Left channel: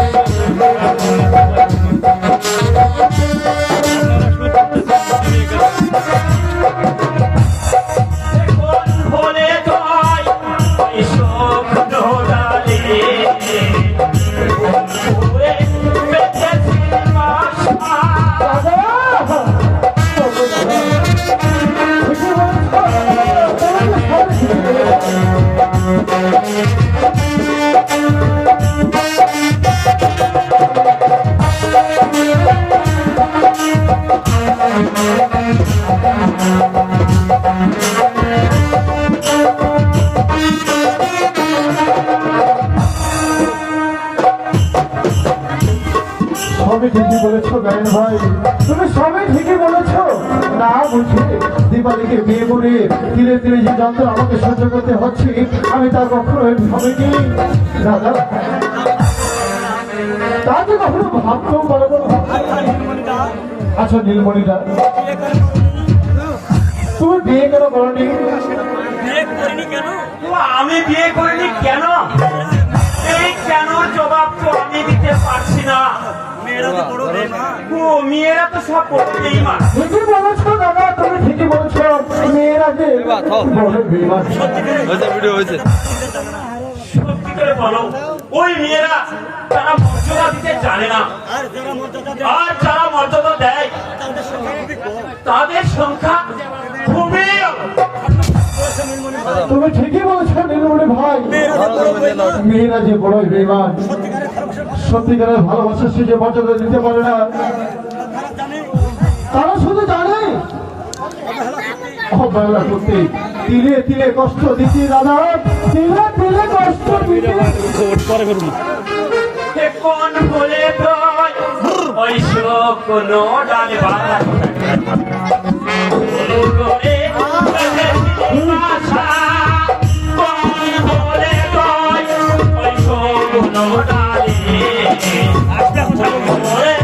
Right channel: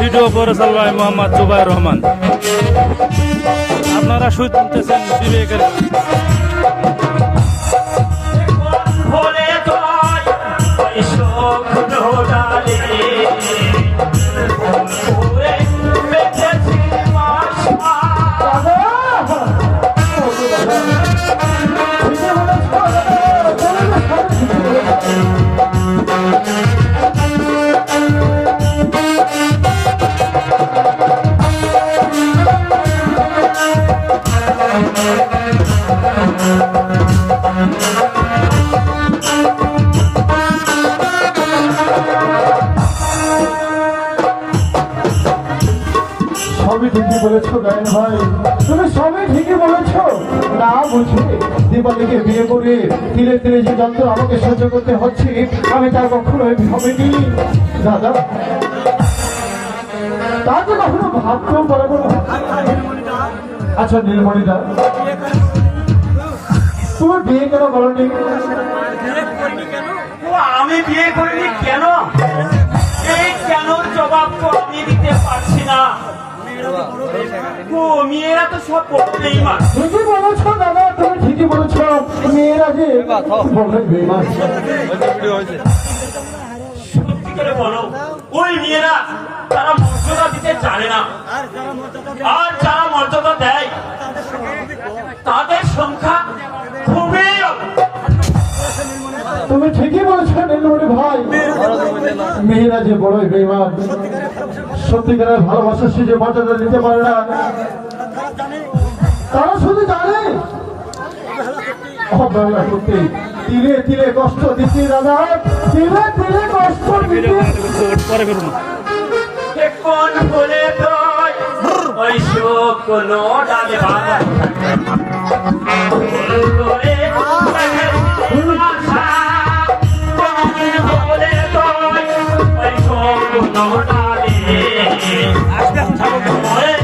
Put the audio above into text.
Video করেছেন ভাই মোহাম্মদ জুবাইর রহমান। আপনারা শুনতেছেন বিবেকের সবই ঠিকই বলেছো গায়ন ভাই, তুমি সবই ঠিকই বলেছো। না বলছি দিবালিকে বিয়ে করে ধীরে ধীরে যে যন্ত্র আমাকে সহ্য করতে হচ্ছে আমি তা কখনো ভাবিনি দাদা, তা তো কখনো ভাবতেও পারবো না। আচ্ছা নীলমণিদা, তুমি বিয়ে কেন করনি? আমি বিয়ে করিনি কেন, এই কেন জবাব তো আমি দিতে পারছি না। মেয়েরা তো সব পড়তেই মা। ঠিকই বলেছো দাদা, তুমি ঠিকই বলেছো, মেয়েরা যে বড় বেমান। সত্যি করে বলো, ওই মেয়েরা তারা মর্যাদা দিতে জানে না, আর যারা মর্যাদা দেয় তাদের সংখ্যা খুবই। তুমি ঠিকই বলেছো নীলমণি ভাই, মেয়েরা যে বড়ই বেমান, সত্যিকারের ভালোবাসা সে যে মর্যাদা দিতে পারে না, তারা শুধু জানে অবহেলা করতে, তিলে তিলে কষ্ট দিচ্ছি দাদা, তিলে তিলে কষ্ট দিচ্ছি। কোন বলে তো ওই শোক কোনো ডালে বাঁধা বলে ওই শোক কোনো ডালে আসলে এখন